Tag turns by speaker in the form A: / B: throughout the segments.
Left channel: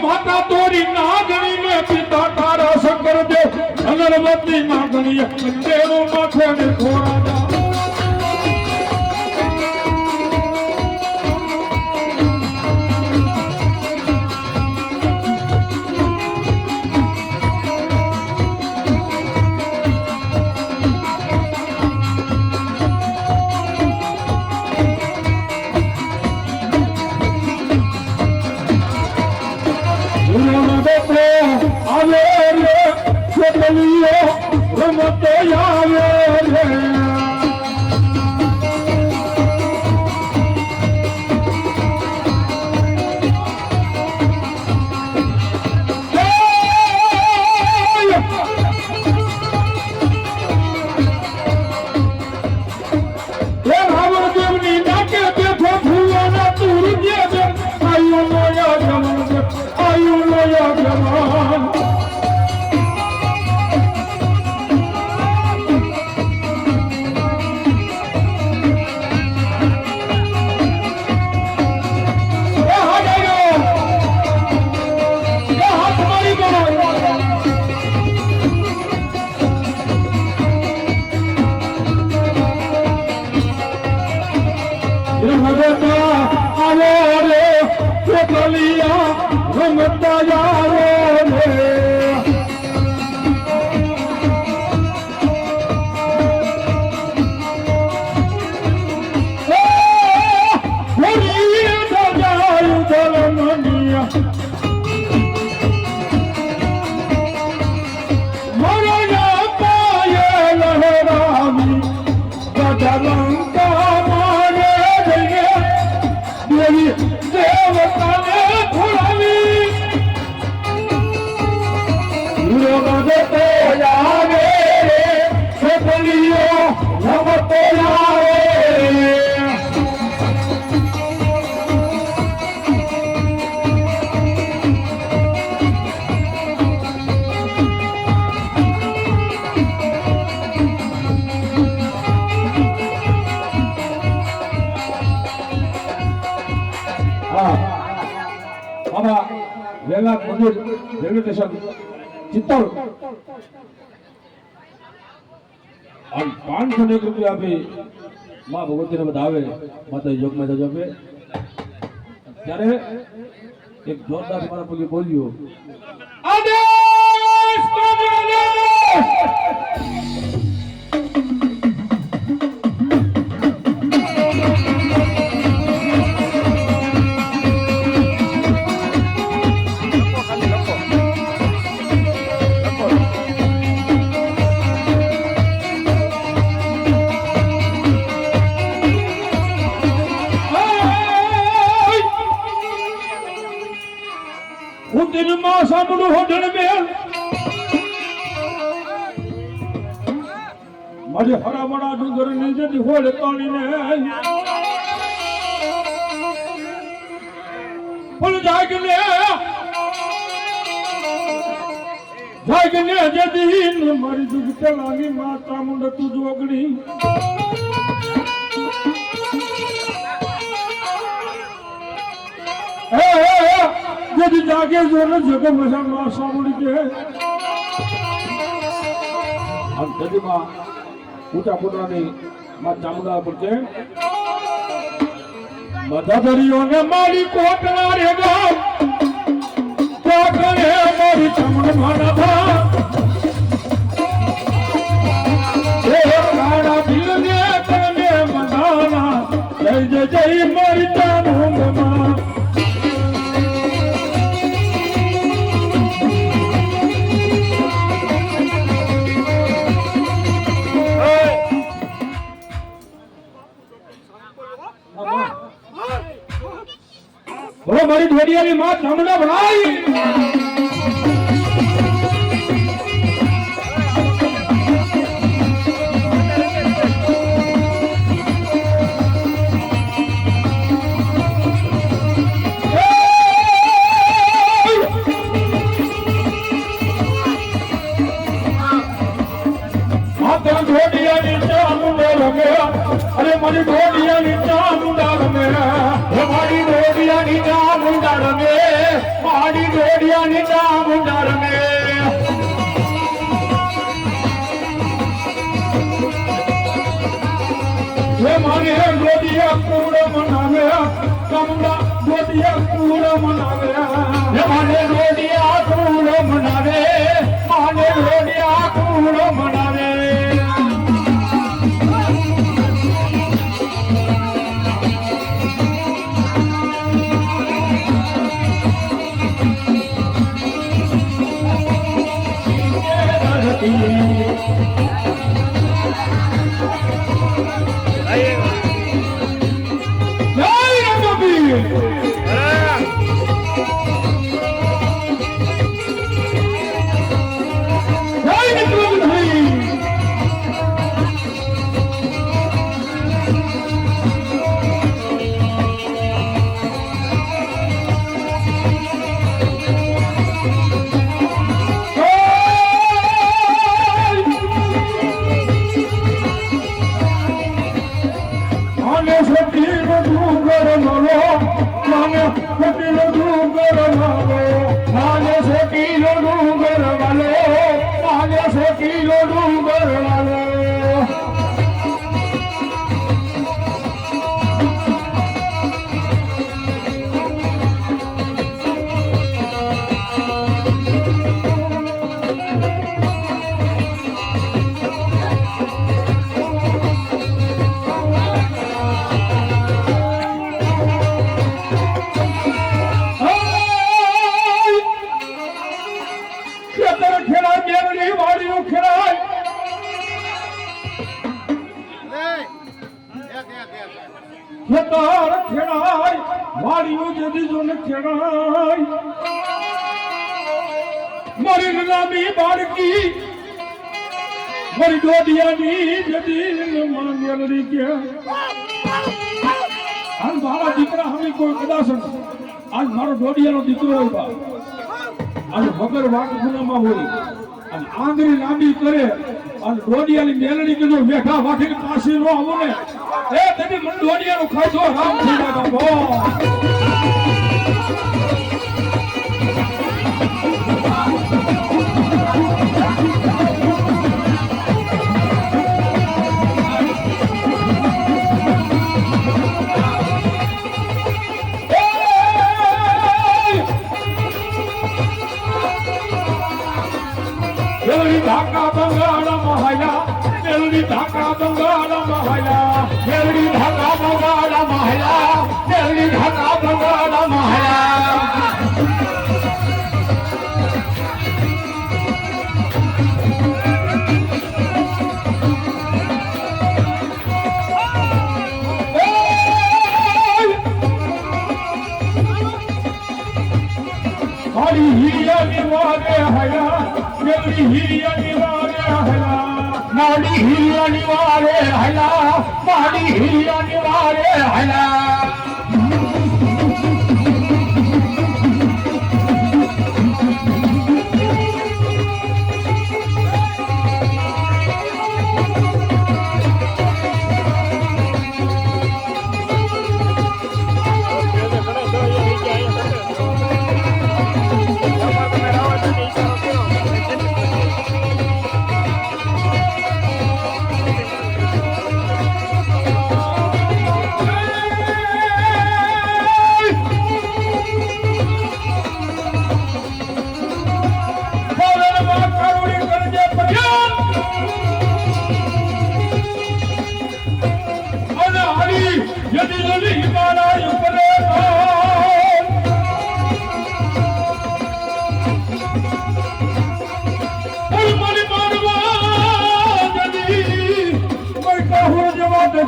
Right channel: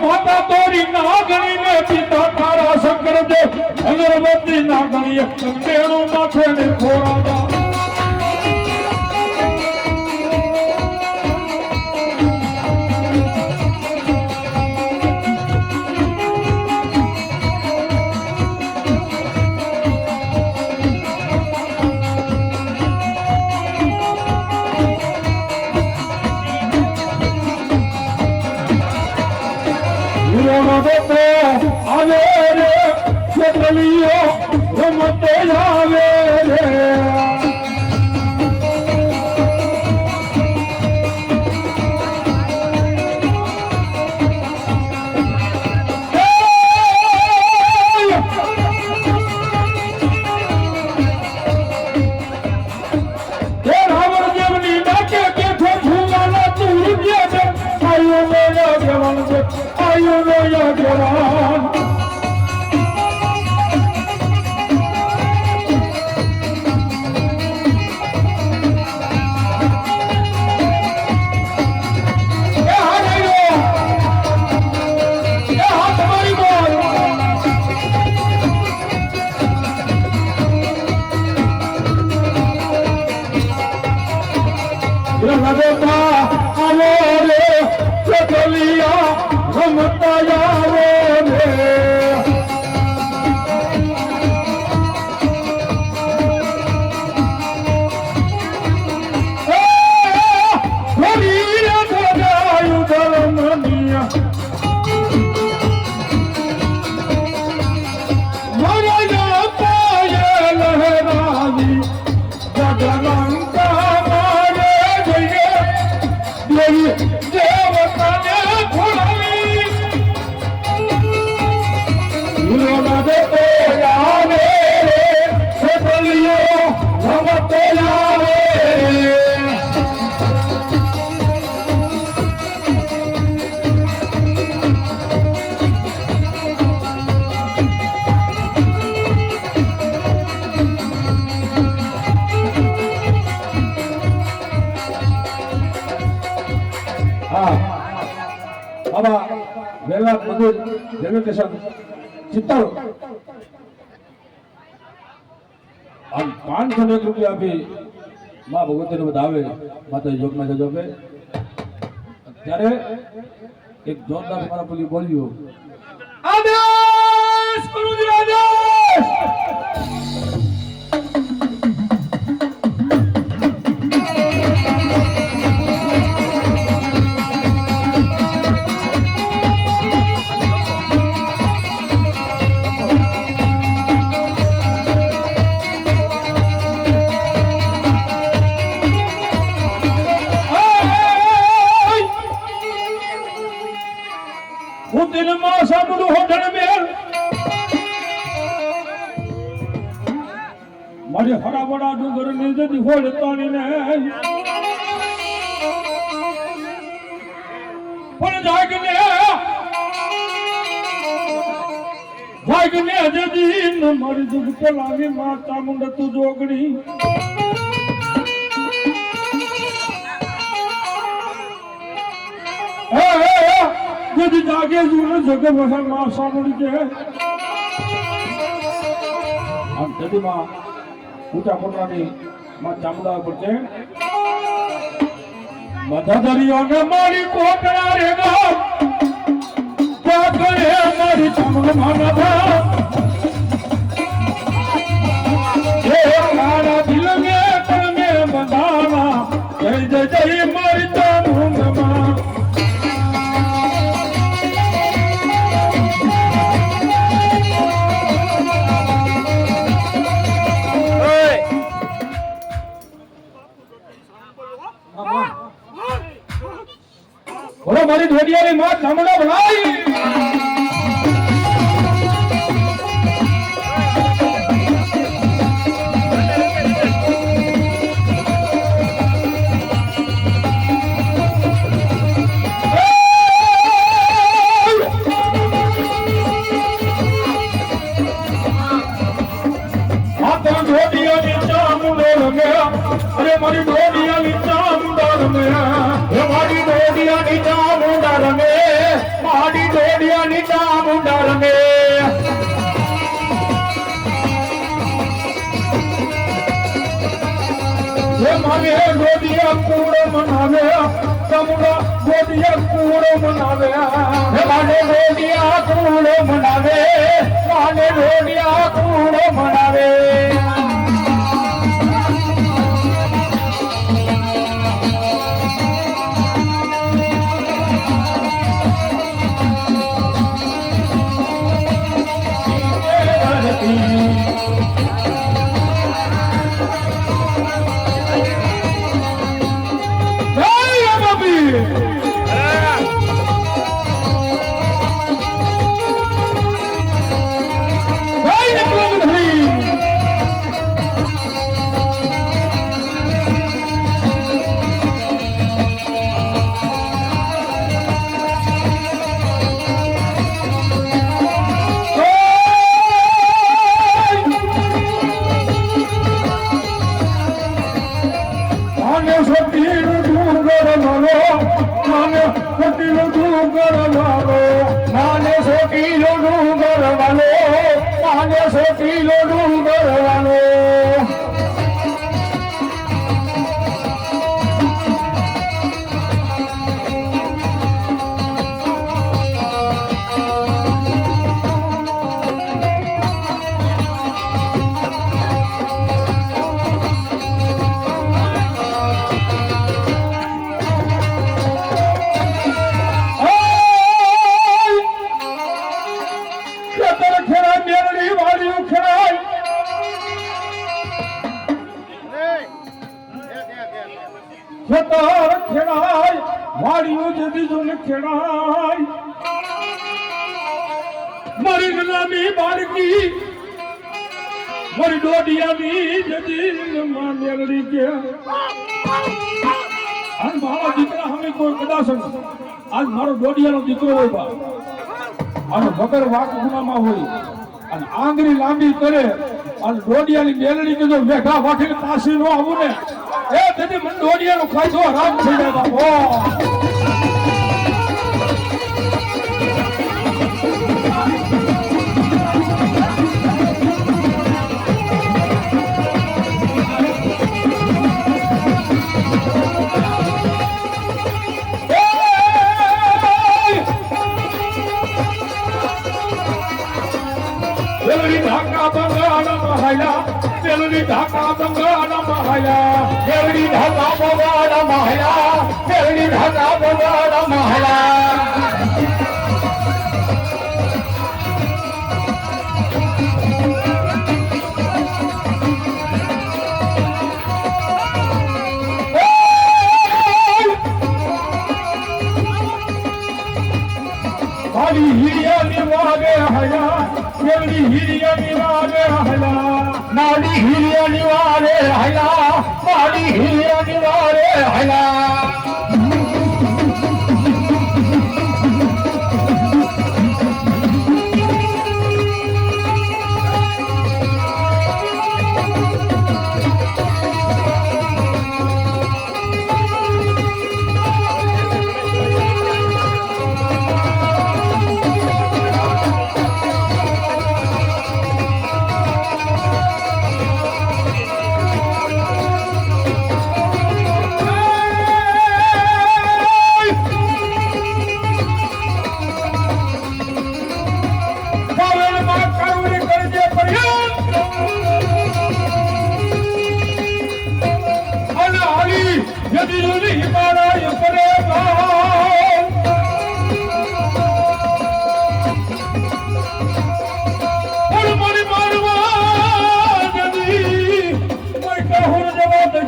A: માતા તોરી નાગણી ને પિતા તારા શંકર દેવ અગરબત્તી નાગણી અંધેરું નાખે ને ખોરા રમતે આવે ગજરંગા મારે પાંચસો ને રૂપિયા આપી. મા ભગવતીને બધા આવે માતા જોગમાં જજો આપે ત્યારે એક જોરદાર મારા બોલ્યું જાગે જોને જગે ભસા માં સાંભળી કે આમ નદીમાં ઊંચા પોતાની માં ચામડા પર છે. બધા દરિયોને મારી કોટડા રે બાપ કોટડે મારી ચામડો મારા બોલો મારી ઢોડિયાની માં ਮਨਾਵੇ। ਮਾਨੇ ਰੋੜਿਆ ਤੂੰ ਮਨਾਵੇ। ਮਾਨੇ ਰੋੜਿਆ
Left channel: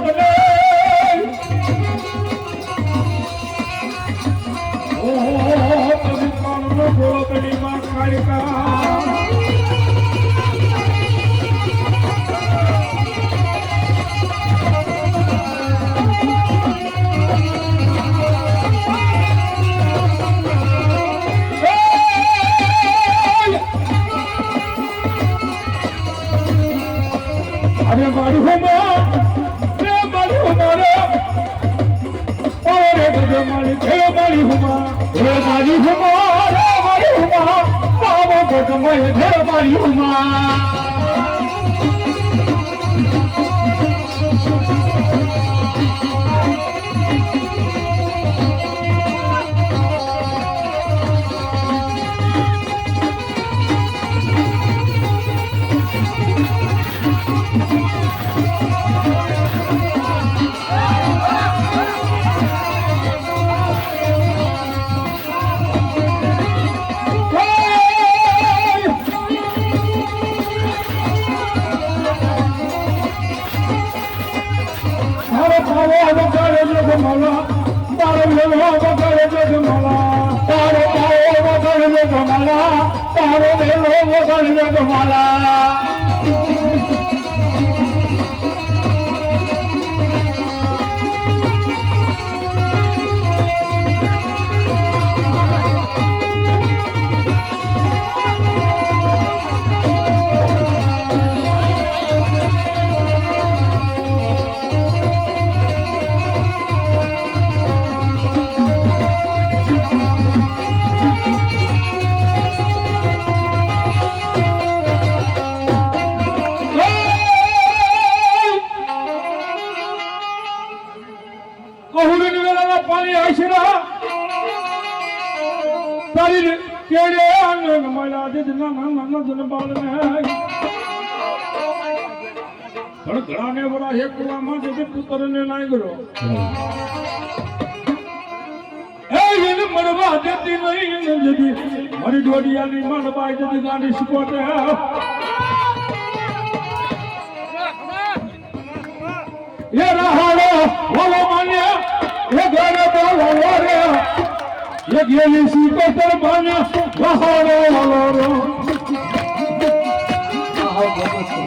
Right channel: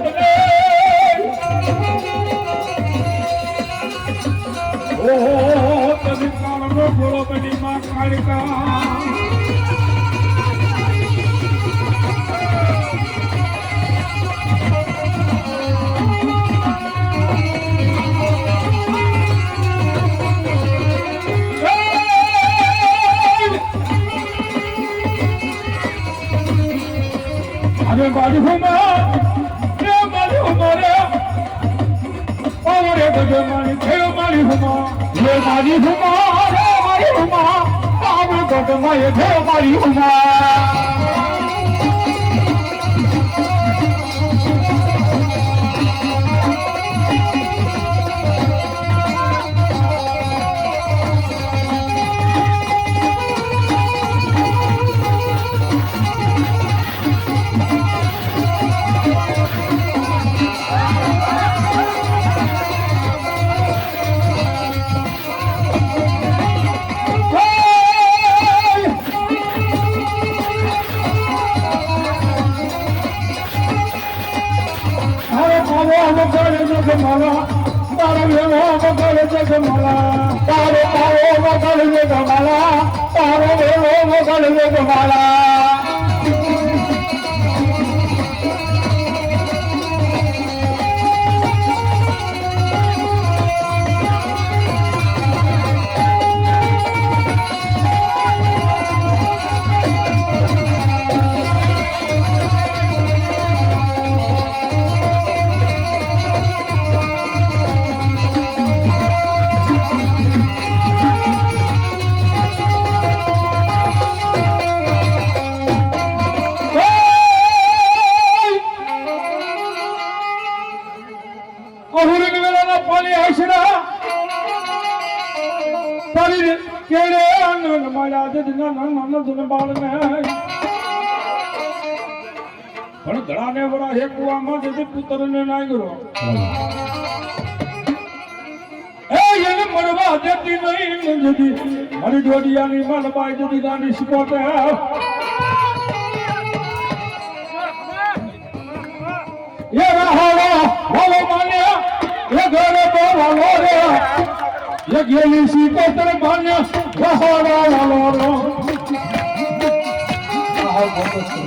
A: I'm Everybody, come
B: on! મારી હે મારી
C: હુમા હે મારી હુમા હે મારી હુમા પાવ મય હે મારી હુમા.
A: જદના નામ ને પણ ઘણાને વરા હેકવામાં જતી પુત્રને લાગ્યો. એ એને મરવા દેતી નહીં જદી મારી ડોડિયાની માનબાઈ જદી ગાંડી શીખવાતે એ રહાડો વાલો માને એ ઘરે તો રે. એ ગેલી તર માને રહાડો વાલો રો. એ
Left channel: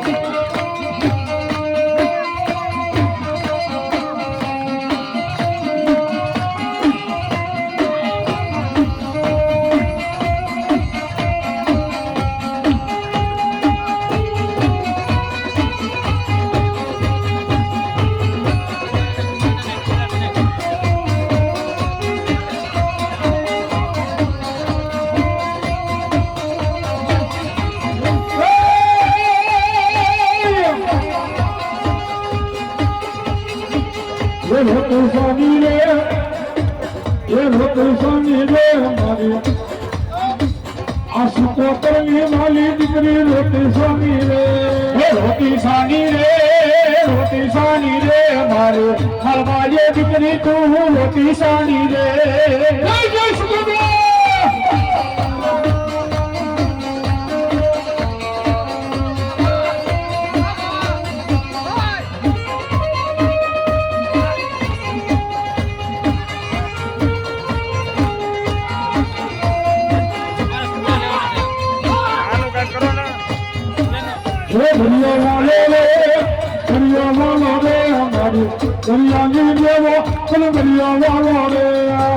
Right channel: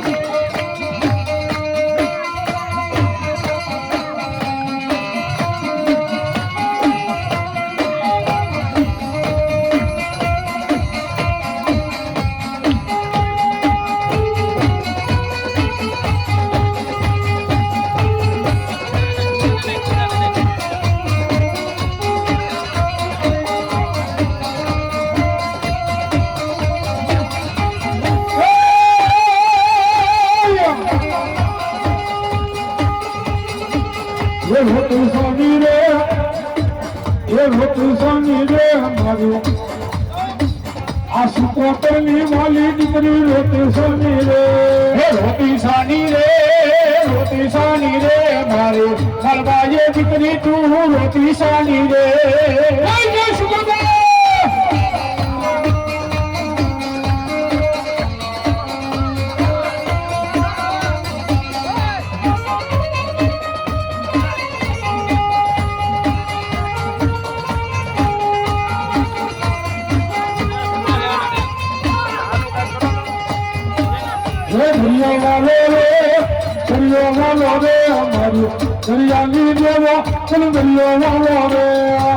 A: ચલ દરિયો વાલો રે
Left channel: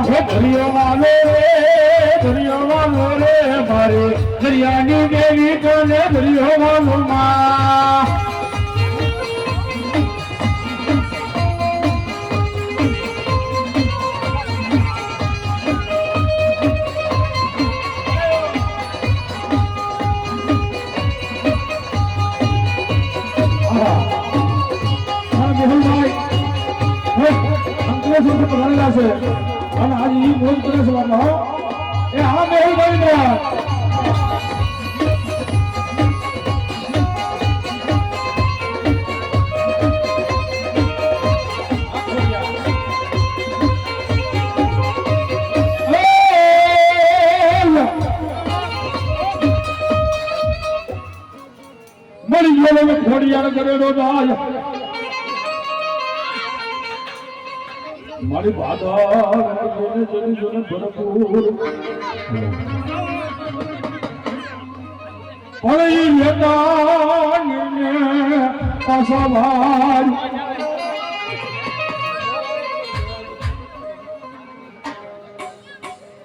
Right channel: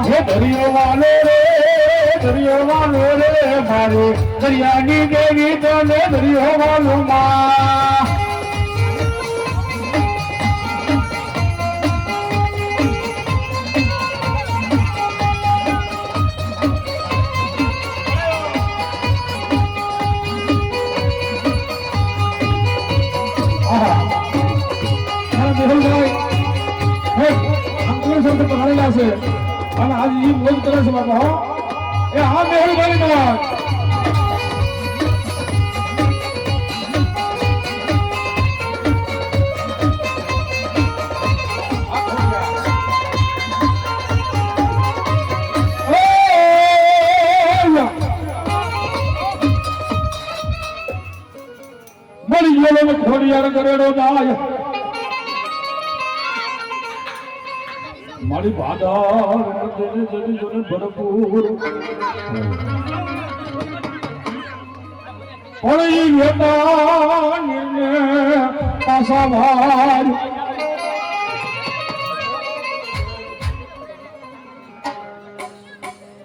A: હે દરિયો વાલો રે, દરિયો વાલો રે મારે. દરિયાની દેવી તો ને દરિયો વાલો માં અંકલેશ્વર તો પધારેલા છે. અને આજે એ મોજ કરે છે બાપા હો એ હા મેહુલભાઈ માં બાધા જેને જેને ભરપૂર પણ ઈ વેદાને પાસા ભાર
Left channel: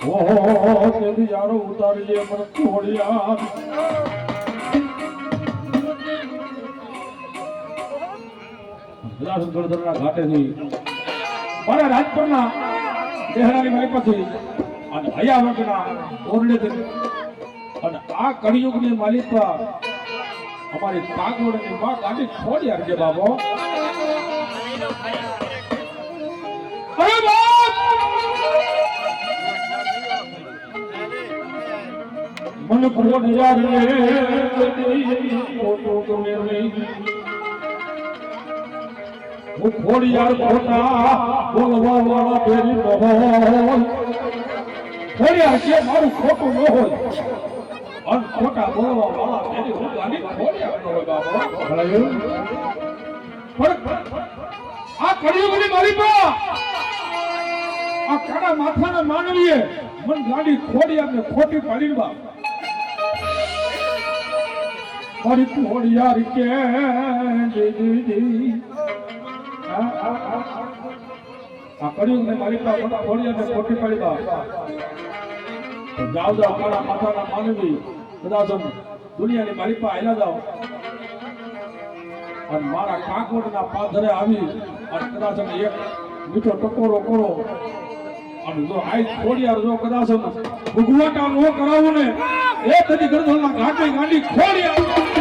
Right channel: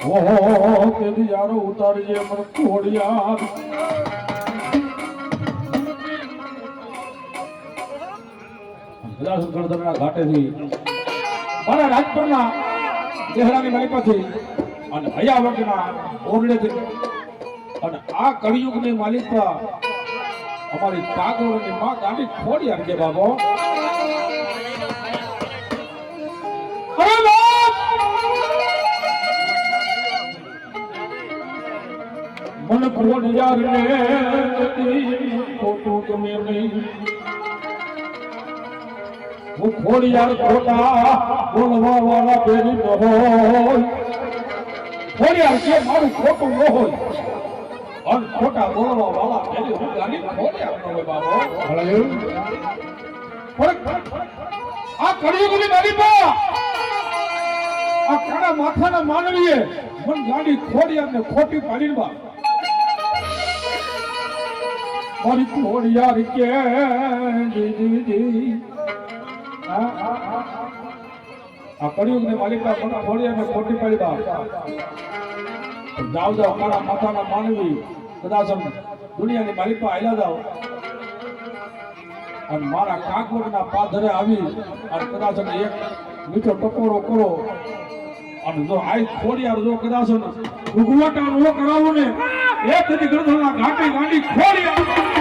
A: ઓહો તેથી યારો ઉતારીએ પણ ઘોડિયાર ગળદરના ઘાટેથી મારા રાજકોટના ચહેરાની માલિકાથી અને હયાવકના ઓરડેથી. અને આ કળિયુગની માલિકા અમારી પાગોળની માં ગાડી ખોડી આપજે બાબો! મન ખોડિયાર ને ખોટું તમે નહીં. હું ખોડિયાર ખોટા બોલવા વાળા બેરી ન કે મારું ખોટું ન હોય. અને ખોટા બોલવા વાળા બેરી હું ગાડી ખોડિયાર ન હોય બાબો આ કળિયુગની પા આ કાળા માથાના માનવીએ મન ગાડી ખોડિયાર ને ખોટી પાડી બા. મારી ખોડિયાર કે દી દી દી આ કર્યું ને મારી પાસે મને ખોડિયાર ખોટી પાડી બા જાઓ જાઓ મારા માથાના માનવી, કદાચ દુનિયાની માલિકા આયલા જાઓ. અને મારા કાંકવડના પાધરે આવી અને કદાચ એક મીઠો ટકોરો કરો. અને જો આઈ ખોડિયાર જો કદાચ ભૂગવટા નો કરાવું ને, એ તેથી ગરધના ઘાટે ગાંડી ખોડિયાર ચલો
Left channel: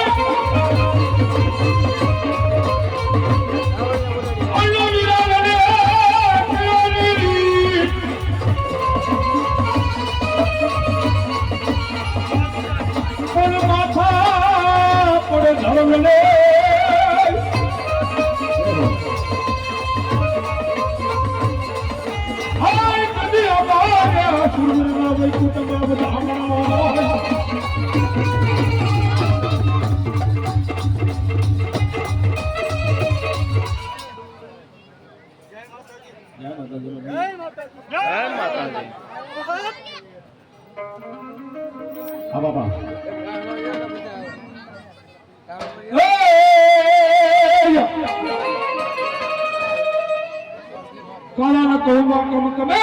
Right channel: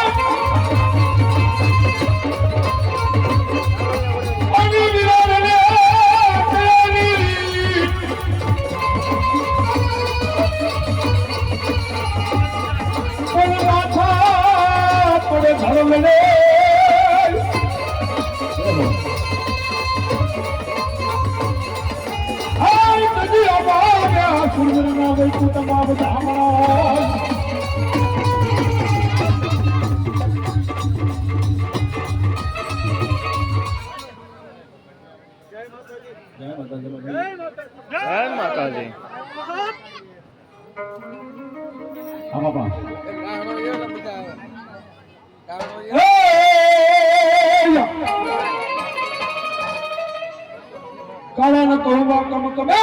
C: જય માતાજી.
D: જય માતાજી
C: હા બાપા
A: કાળા ન કહું કમ કમે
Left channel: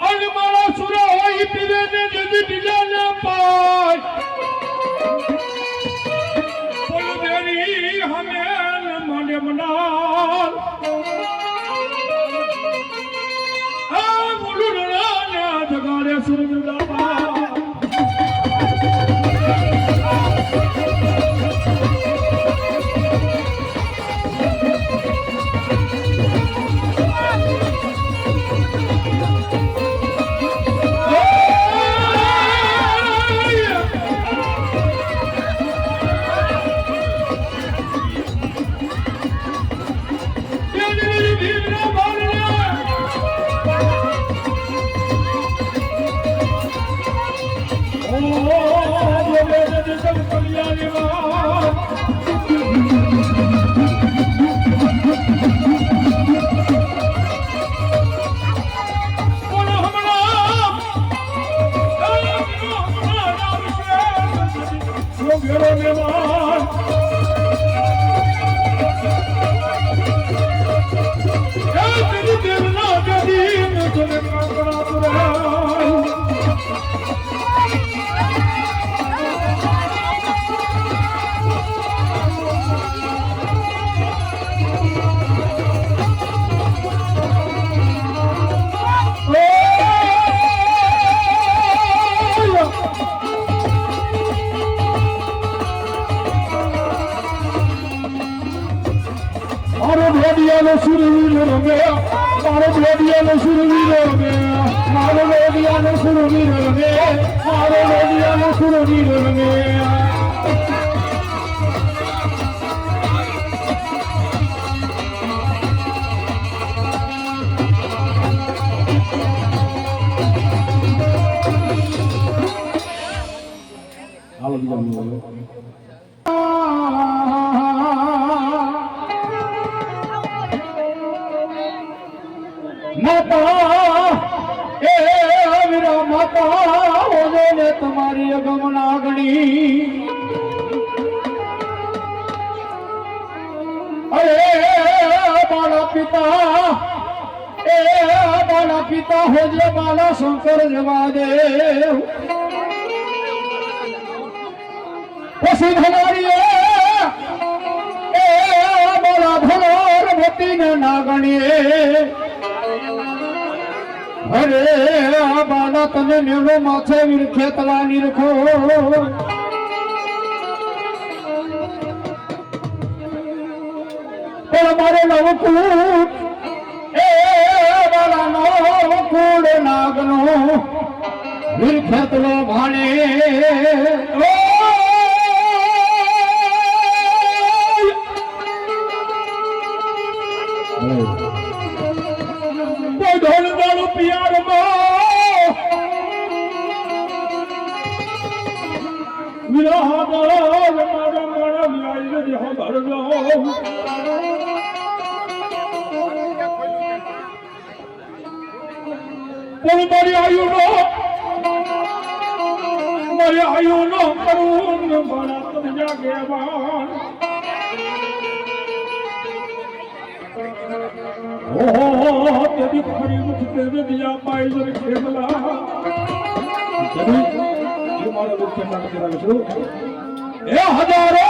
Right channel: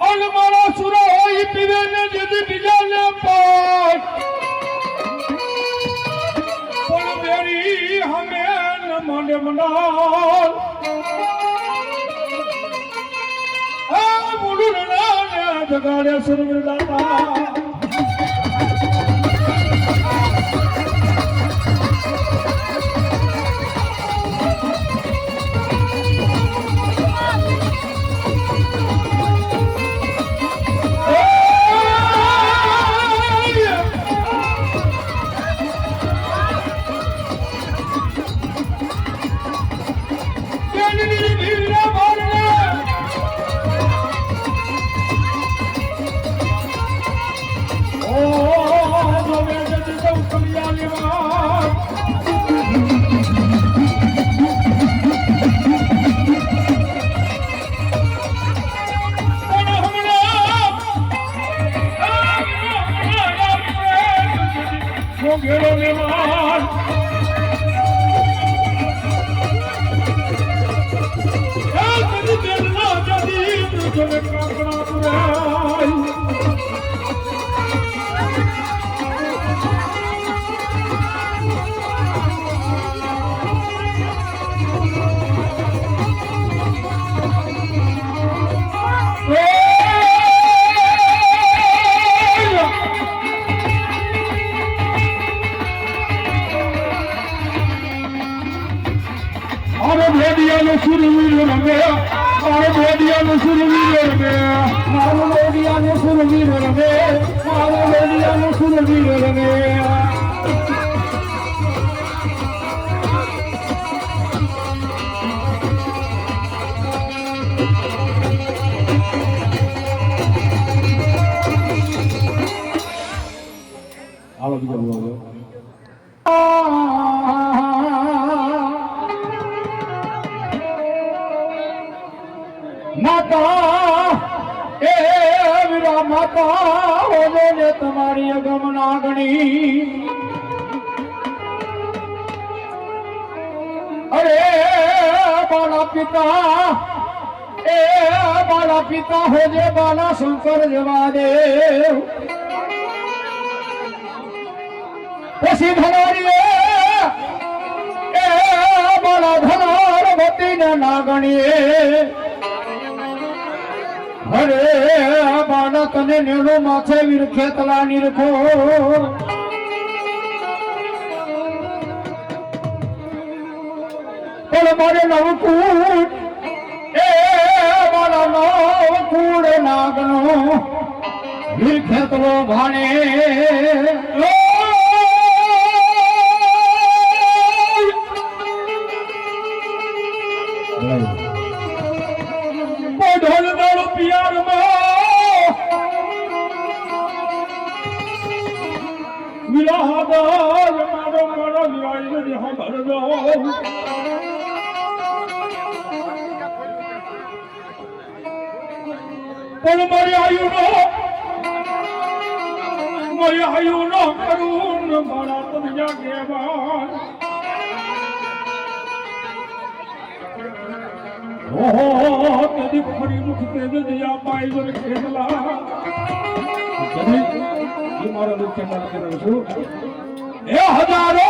A: અલમારા સુરા હોય પીવે ને જેથી બીજા ને પાય ਗਾਣਿਆ ਸੁਰ ਮਿਲਦਾ પિતા. એ બાળા પિતા હો જે બાળા શંકર જવા દે. પછી ધનારીએ એ બાળા ધનાર ભતીને નાગણીએ. અરે બાળા તને નેલો માથે વીર ખેતલા નીરખો પણ મારે નવકૂટ. એ વાળા નવકૂટ નાગનો વીર ખેતલો ભાણે ઢોલ દાડો પિયારમાં વિરાહદાર મારો મારો લાઈ દે હો ભરજો. પણ મારી આયુનો મારી આયુનો કરું મારા તમ જાગે બાણ ઓહો તેદી ખરી મુખ તેદી દિયા પાઈ જર ખેતલા
C: જરી, હું મારો દુઃખ કેમ ના કરી રહ્યો છું
A: એ હજારો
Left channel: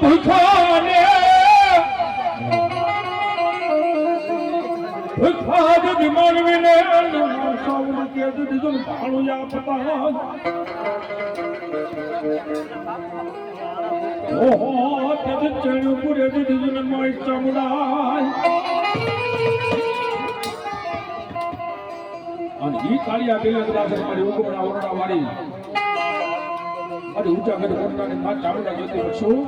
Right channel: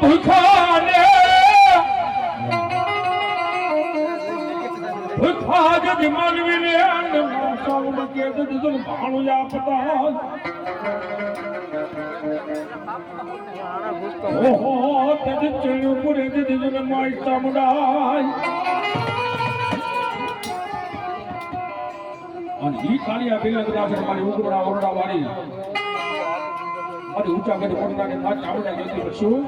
A: પણ ભૂખાને. ભૂખા જજ માનવીને અન્ન સૌને કે જુલ ભાણું આપતા ઓહો તેજ ચણ્યું પુરે, દીધી માઈ ચામુંડાઈ
C: અને ઈ કાળિયા બેલા કદાચ મારી ઉગમણા ઓરડા વાળી. અને ઊંચા ગઢ કોટડાની માં ચામુંડા ગતિ કરશું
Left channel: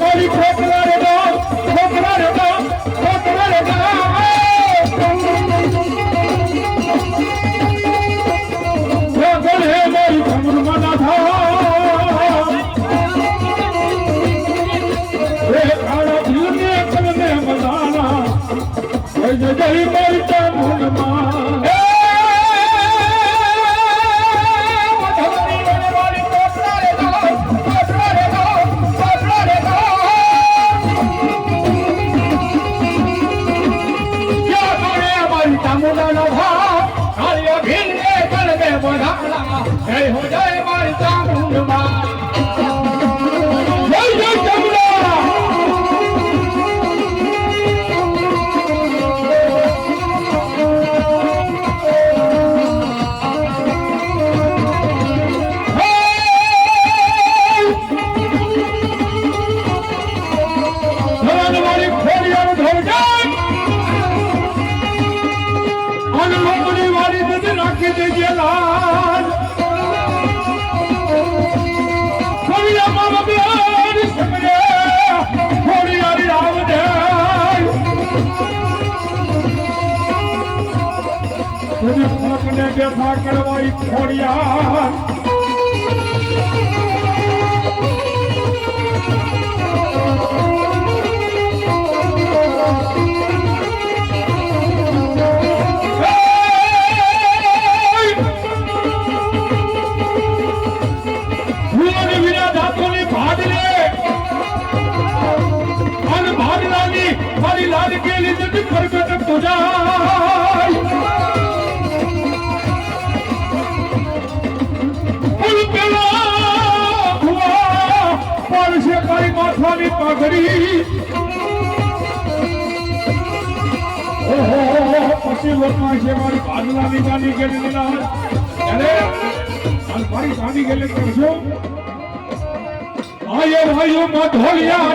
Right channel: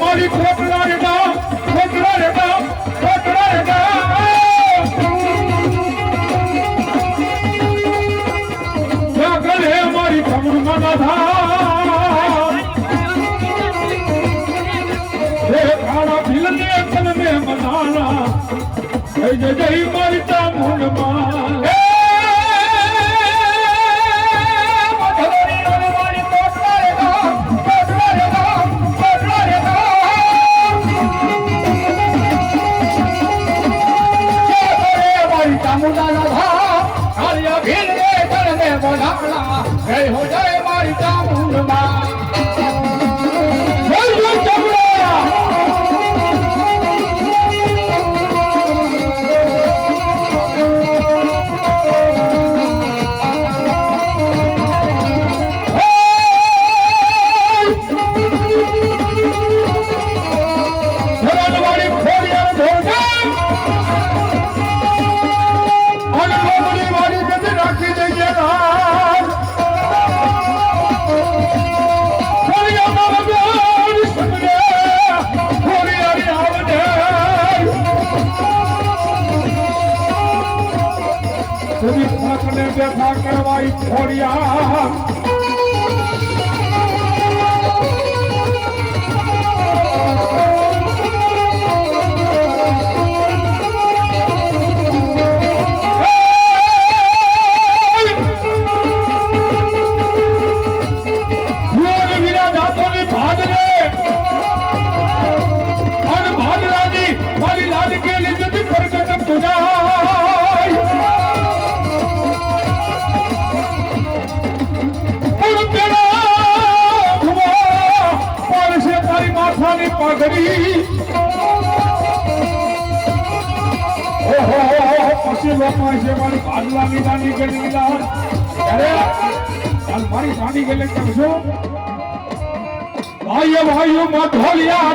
A: माली खोकड़ा रेट ठोका रेट ठोका रहि જય જય মরিয়া ઓહો, પછી લોકો છે મારી ભાગલાની ગાંડી ગેલી ત્યારે હાલ મારી ગાંડી ગેલી કરશો ભાઈઓ ભાઈઓ માં ઢોલિયા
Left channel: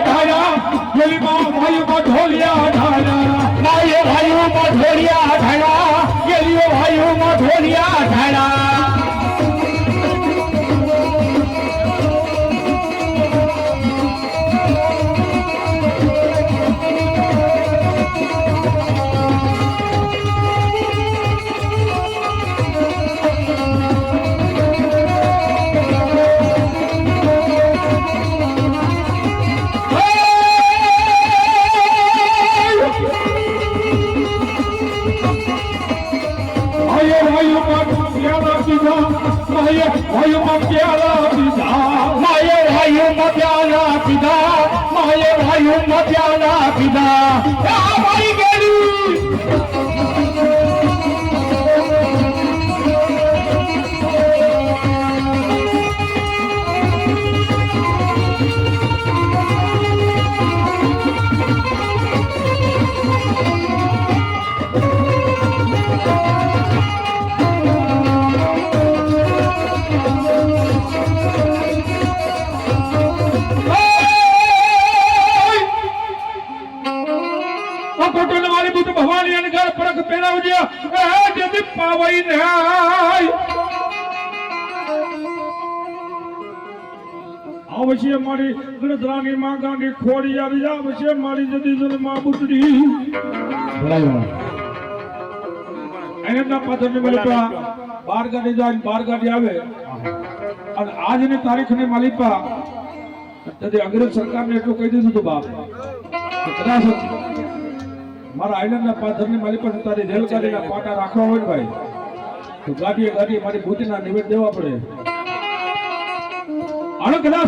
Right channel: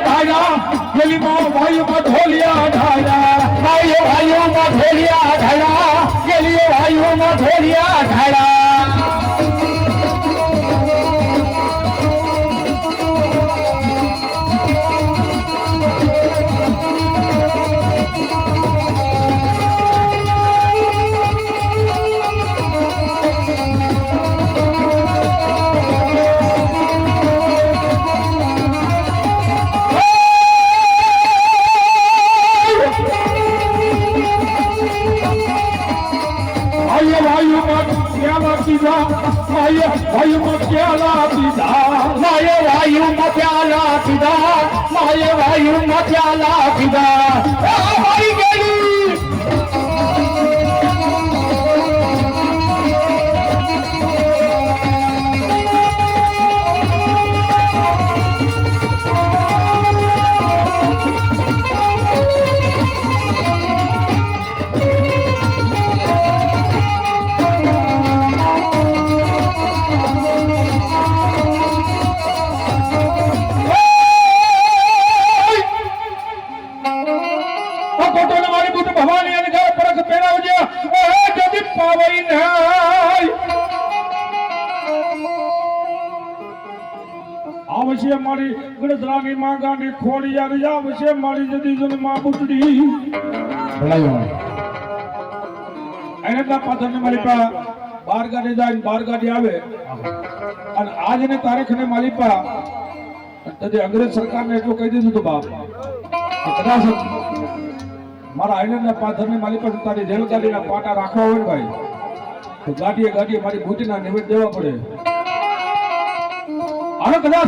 A: ભાઈઓ ભાઈઓ ભાઈઓ ખોડી છે મારી જદી જનમાં બુટડી. એના પાછળની માલિપા બાર ગાડી જાય બાર ગાડી આવે. અને આજની તારીખને માલિપા તદે અંગ્રેજ સરકારને એટલું કહી દીધું હતું બાપ કદાચ મારા આઈલેન્ડના પાથરની મારી પાસે તારી જેલ કાઢીને પાટા રાખવા હોય ભાઈ તો ગાડીએ ગાડીએ મારી બુદ્ધિના નિવેદ દેવા પડે. અને કદાચ